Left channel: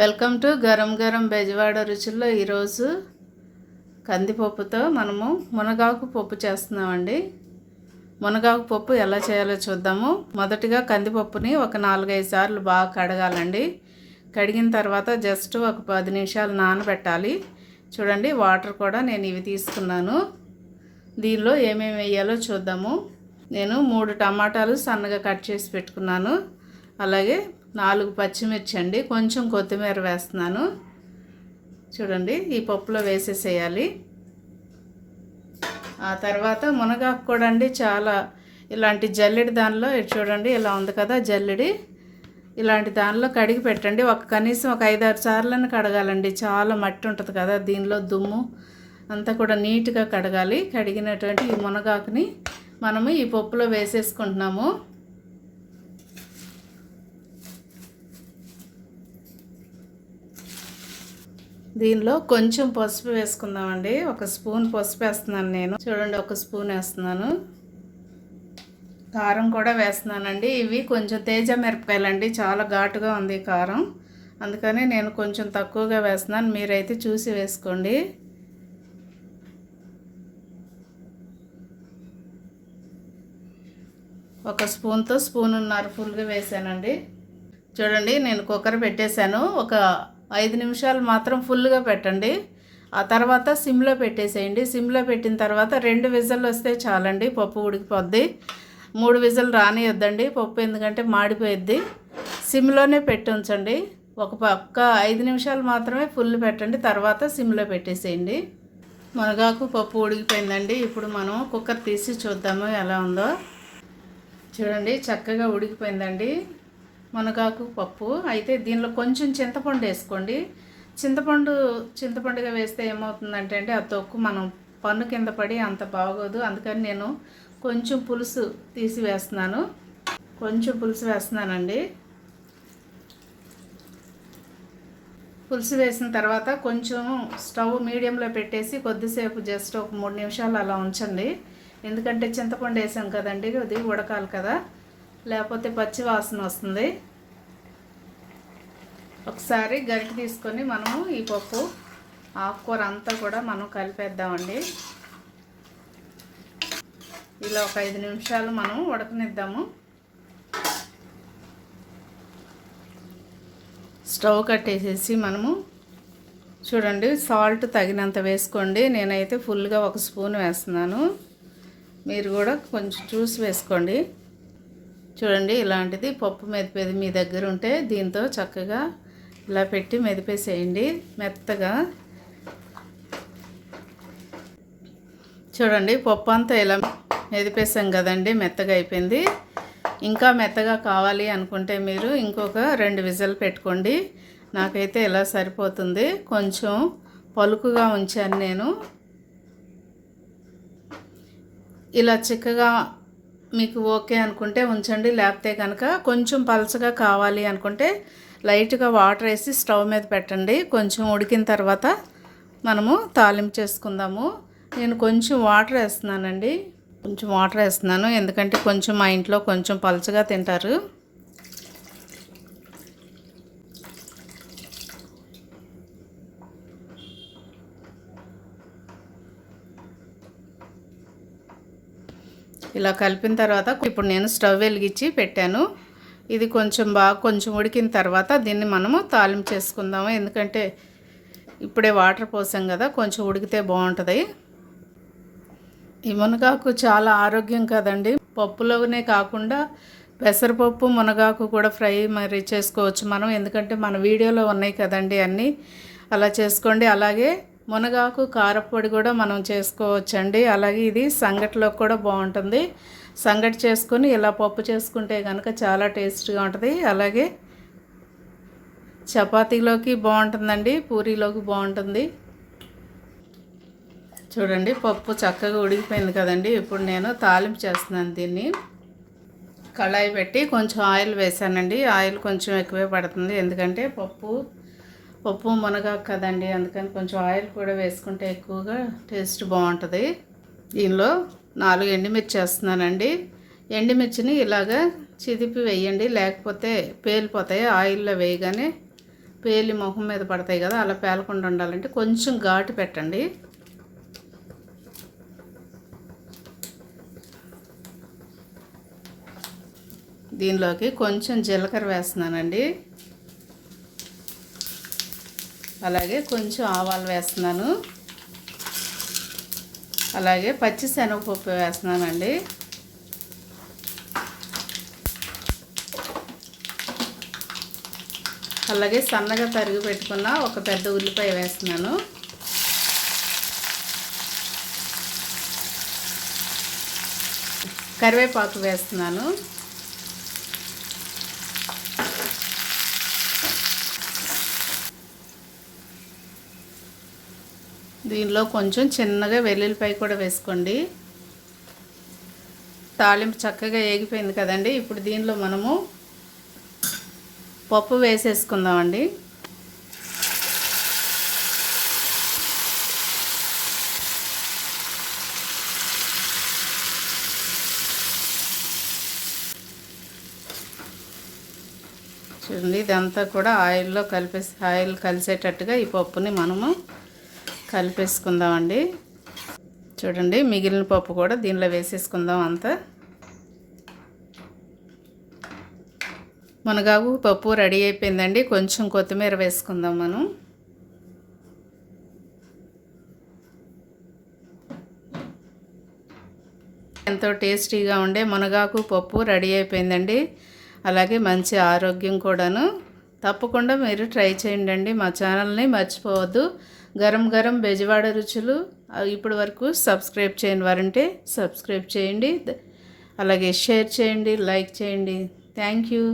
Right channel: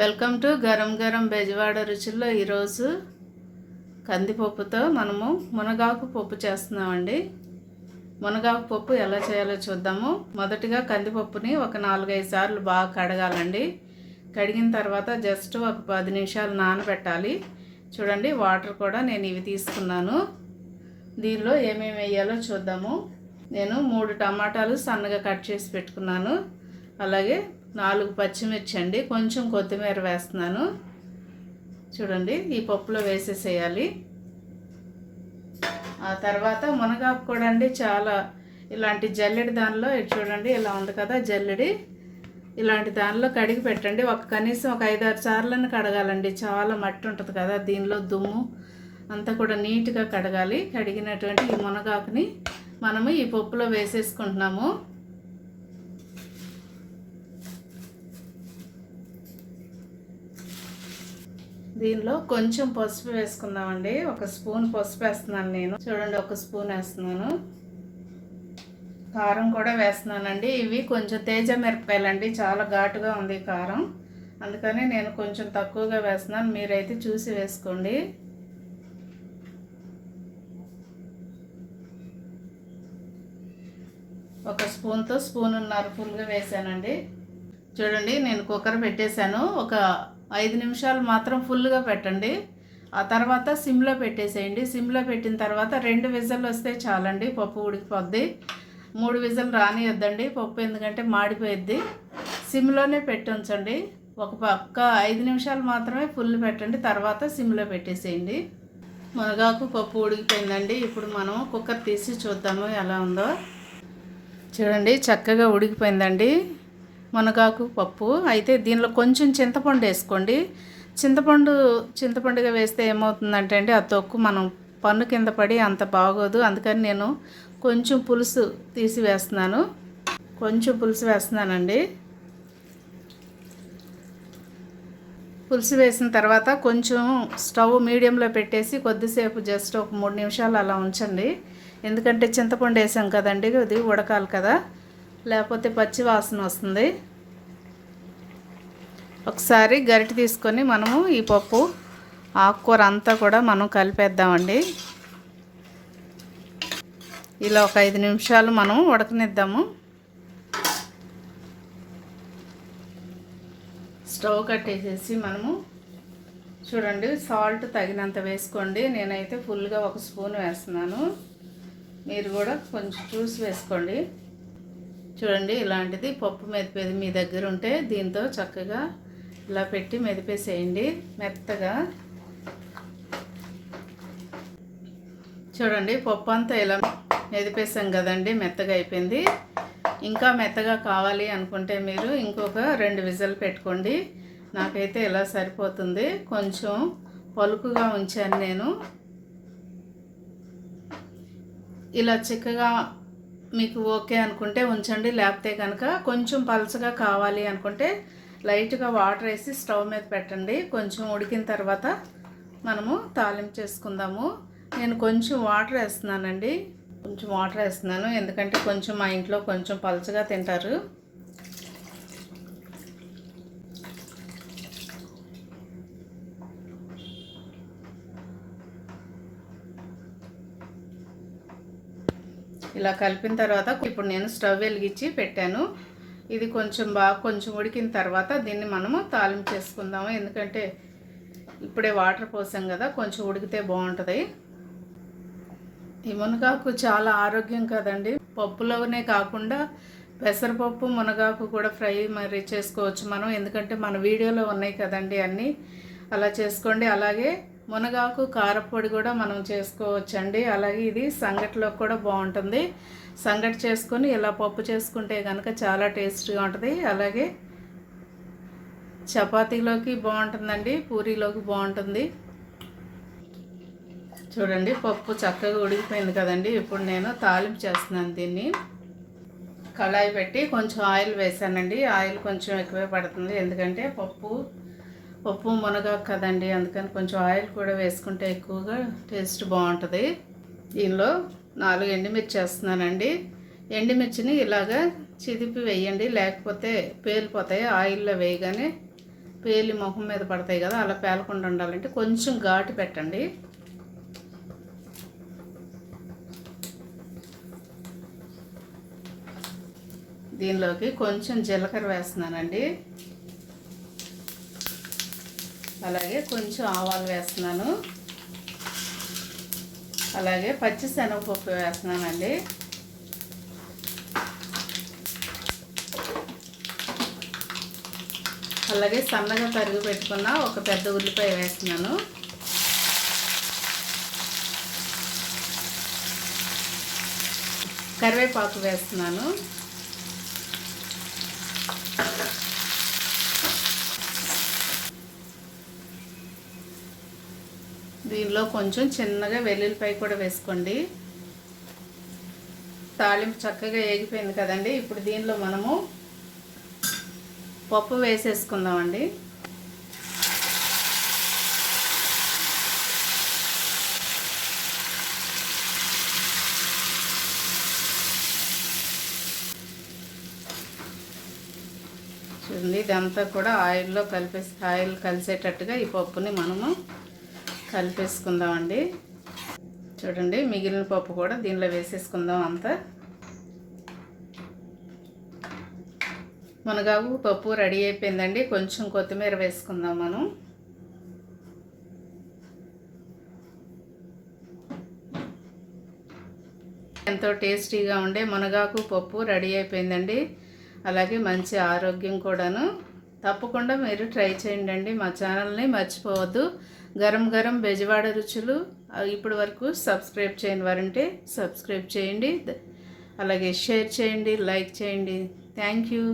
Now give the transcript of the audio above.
Welcome to garam garam Bezawada రుచుల్లో ఈరోజు కందిపప్పుతో మనము మునగాకు పప్పు చేస్తున్నామండి. మునగాకు పప్పు ఎలా చేయాలో చూద్దాము. మొదటిగా కందిపప్పుని ఒక 4-5 సార్లు బాగా కడగాలండి. కడిగిన తర్వాత జస్ట్ ఒక 10 నిమిషాలు నానబెట్టాలి. చూడండి, వాటర్ కూడా నేను ఇవి తీసుకున్నాను. దీనిలో ఏమేమి వేయాలో చూద్దాము. నేను 3 టమాటాలు సన్నగా కట్ చేసి పెట్టుకున్నాను. అలాగే 4 పచ్చిమిర్చి అండి, కొంచెం కొత్తిమీర వేస్తున్నాను. చూడండి, ఈ పప్పులో వేసేసేయాలి. ఆ తర్వాత మునగాకు కూడా అండి చాలా ఇలాంటి జల్లెడి దానిలో చూడండి ఇలా ఉంది కదా జల్లెడి, ఇలాంటి దానిలో కడిగి పెట్టండి. కనీసం ఒక 5-6 సార్లను కడగాలండి. చాలా మట్టి ఉంటుంది కదా దీనిలో, దుమ్ము అంతా కూడా నీట్గా కడగాలి. కడిగినటువంటి ఈ మునగాకుని మనము ఈ పప్పులో వేసేసుకుంటున్నాము. దీనిలో కొంచెం పసుపు వేసుకుందామండి. 1 స్పూన్ పసుపు వేస్తున్నాను నేను. చూడండి, 1 స్పూన్ వేస్తున్నాను. కారం కూడా వేస్తున్నానండి. ఇవి కొంచెం తేజ మిరపకాయలండి, చాలా ఘాటుగా ఉంది కారం, అందుకని నేను కొంచెం తక్కువగా వేస్తున్నాను. మీరైతే చూసి వేసుకోండి. ఒక స్పూన్తో 1.5 స్పూన్ ఫుల్గా వేసానండి. చూడండి, నేను కుక్కర్ పెట్టేశాను. ఒక 5 నిమిషాలు మాత్రం ఫుల్గా పెట్టండి. ఆ తర్వాత సిమ్లో పెట్టేసేయండి. సిమ్లో పెట్టిన తర్వాత 2 విజిల్లు వస్తే చాలండి, పప్పు ఉడికిపోద్ది. 3 విజిల్ రానియొద్దండి పప్పు, ఎందుకంటే మాడిపోయిద్ది. సిమ్లోనే పెట్టి ఉంచండి. ఒక పక్క 5 నిమిషాలు మాత్రమే ఫుల్ పెట్టండి, తర్వాత సిమ్లో పెట్టేసేయండి. మునగాకు పప్పు ఉడికిపోయిందండి. ఇప్పుడు మనం కుక్కర్ తీసి చూద్దాము ఎలా ఉందో. చూడండి, చక్కగా ఉడికిపోయిందండి మునగాకు పప్పు. అయితే దీనిలో కొంచెం చింతపండు వేసుకోండి. చింతపండుగా వేస్తే ఏమవుతుందంటే అండి, ఆ తొక్కు మనం పన్ను కింద పడి అంత బాగోదు. అందుకని నేను కొంచెం పులుసు తీసి వేస్తున్నాను. కొంచెం పులుసు వేస్తున్నానండి. పులుసు వేసిన తర్వాత కొంచెం స్టవ్ మీడియంలో పెట్టేసి కొద్దిసేపు జస్ట్ ఒక 3 నిమిషాలు అలా ఉంచండి. ఎందుకంటే చింతపండు వేసాం కదండి, అది ఉడకాలి కదా, లేకపోతే పచ్చి వాసన వస్తుంది. ఒకసారి గరిటె తీసుకొని మనము ఈ పప్పు ఆకుకూర అంతా కూడా మనం కలిపేద్దామండి. ఇలా ఒక 5 నిమిషాలు మనం ఉడకనిద్దాము. స్టవ్ కట్టేసేసి మనము చూడండి, సాల్ట్ తగినంత వేసుకోండి. నేనైతే ఫుల్గా 1 స్పూన్ వేస్తున్నాను. మీరు కూడా కొంచెం చూసి వేసుకోండి. చూడండి, ఇలాంటిది పప్పు మెదిపేది మీ దగ్గర ఉంటే దీంతో చక్కగా ఇలా పెట్టి మెదిపేసేయండి మెత్తగా. చూడండి, పప్పు అంతా ఇలా మెదిపేసాం కదండి, మెత్తగా అయిపోయింది. ఇంకా మెత్తగా కావాలి అనుకుంటే మీరు ఇంకొక 2 విజిల్ పెట్టుకోండి. నాకైతే ఇలా సరిపోతుంది. కొంచెం పలుకుగా ఉంచాను నేను. ఇలా చిక్కగా మీకు ఓకే అనుకుంటే ఉంచండి, లేకపోతే కనుక కొంచెం పలచగా కావాలి అనుకుంటే లైట్గా వాటర్ వేసి స్టవ్ మీద పెట్టండి. కొంచెం ఉడికిన తర్వాత మనము తాలింపు చేసుకుందాము. నేను కొంచెం వాటర్ వేస్తున్నానండి. కొంచెం వాటర్ వేస్తున్నాను, ఎందుకంటే కొంచెం మా ఇంట్లో కొంచెం పలచగా తింటారు. ఇలా కలిపిన తర్వాత ఇప్పుడు నేను స్టవ్ వెలిగించి పెట్టాను. ఇది కొంచెం ఉడికిన తర్వాత దీన్ని మనము తాలింపు చేసుకుందాము. ఎందుకంటే ఇప్పుడే వాటర్ పోసాం కదా, కొంచెం ఉడికితే బాగుంటుంది. ఈ మునగాకు చాలా ఆరోగ్యం కదండి. పప్పులోనే కాకుండా పెసరపప్పు మునగాకు కూడా ఫ్రై మరి చేసుకోవచ్చు మనం, ఎందుకంటే మన వీడియోలో ఉన్నాయి కదండి అన్నీ. అలా చేసుకోండి. అలాగే మునగాకు కారపొడి కూడా మనం చేసుకోవచ్చండి. అలాగే ఇది సంగటిలో కూడా బాగుంటుంది. సంగటి చేసుకొని ఇలా పప్పు చేసుకుంటే కనుక చాలా టేస్ట్గా ఉంటుంది. అలాగే చపాతీలోకి బాగుంటుందండి, పూరీలోకి బాగుంటుంది. చూడండి, పప్పు చక్కగా ఉడికిపోయింది కదండి. ఇప్పుడు నేను తాలింపు చేస్తున్నాను. దీన్ని కళాయి పెట్టి కొంచెం ఆయిల్ వేసానండి. ఆయిల్ కొంచెం ఎక్కువే పడుతుంది, ఎందుకంటే పప్పు మునగాకు కదండి, అందుకని కొంచెం ఆయిల్ కూడా వేసుకుంటే ఎక్కువగా టేస్ట్ బాగుంటుంది. దీనిలో 4 ఎండుమిర్చి వేస్తున్నానండి. ఎండుమిర్చిని ఇలాగా చిదిపి వేయండి, లేకపోతే పేలిపోతాయి. ఆయిల్లో వేయగానే పేలి మొహం మీద పడతాయి కదా, అలా పేలకుండా ఉండాలంటే కొంచెం ఘాటు పెట్టండి. దీనిలోకి కొంచెం జీలకర్ర వేస్తున్నానండి, అలాగే కొంచెం ఆవాలు వేస్తున్నాను, అలాగే పచ్చి శనగపప్పు వేస్తున్నానండి. అలాగే సన్నగా తరిగి పెట్టుకున్న ఒక పెద్ద ఉల్లిపాయ వేస్తున్నాను. కరివేపాకు వేస్తున్నాను. దీనిలో కొంచెం చిన్నగా వెల్లుల్లిపాయ కూడా వేసుకోండి. తాలింపు చక్కగా ఏగిపోయింది కదండి. ఇప్పుడు దీనిలో మనము పప్పు వేసేసుకుందామండి. చూడండి, ఇదంతా కూడా ఆయిల్ కలిసేటట్టుగా ఈ పప్పుని మనము కలిపేసుకుందామండి. చూడండి, మిగిలిన పప్పు కూడా దీనిలో వేసేసుకుందాం. అంతా మునగాకు పప్పు రెడీ అయిపోయిందండి. కొంచెం కొత్తిమీర వేసుకుందాం మనం. ఎంతో టేస్టీగా ఉండే మునగాకు పప్పు రెడీ అయిపోయిందండి. అలాగే మంచి ఆరోగ్యం కూడాను. తప్పకుండా మీరు ట్రై చేయండి. మా ఛానల్ని మర్చిపోవద్దు. గరం గరం బెజవాడ రుచులు. ఇప్పటి వరకు సబ్స్క్రైబ్ చేయని వారంటే సబ్స్క్రైబ్ చేయండి, అలాగే షేర్ చేయండి, లైక్ చేయండి. Thank you.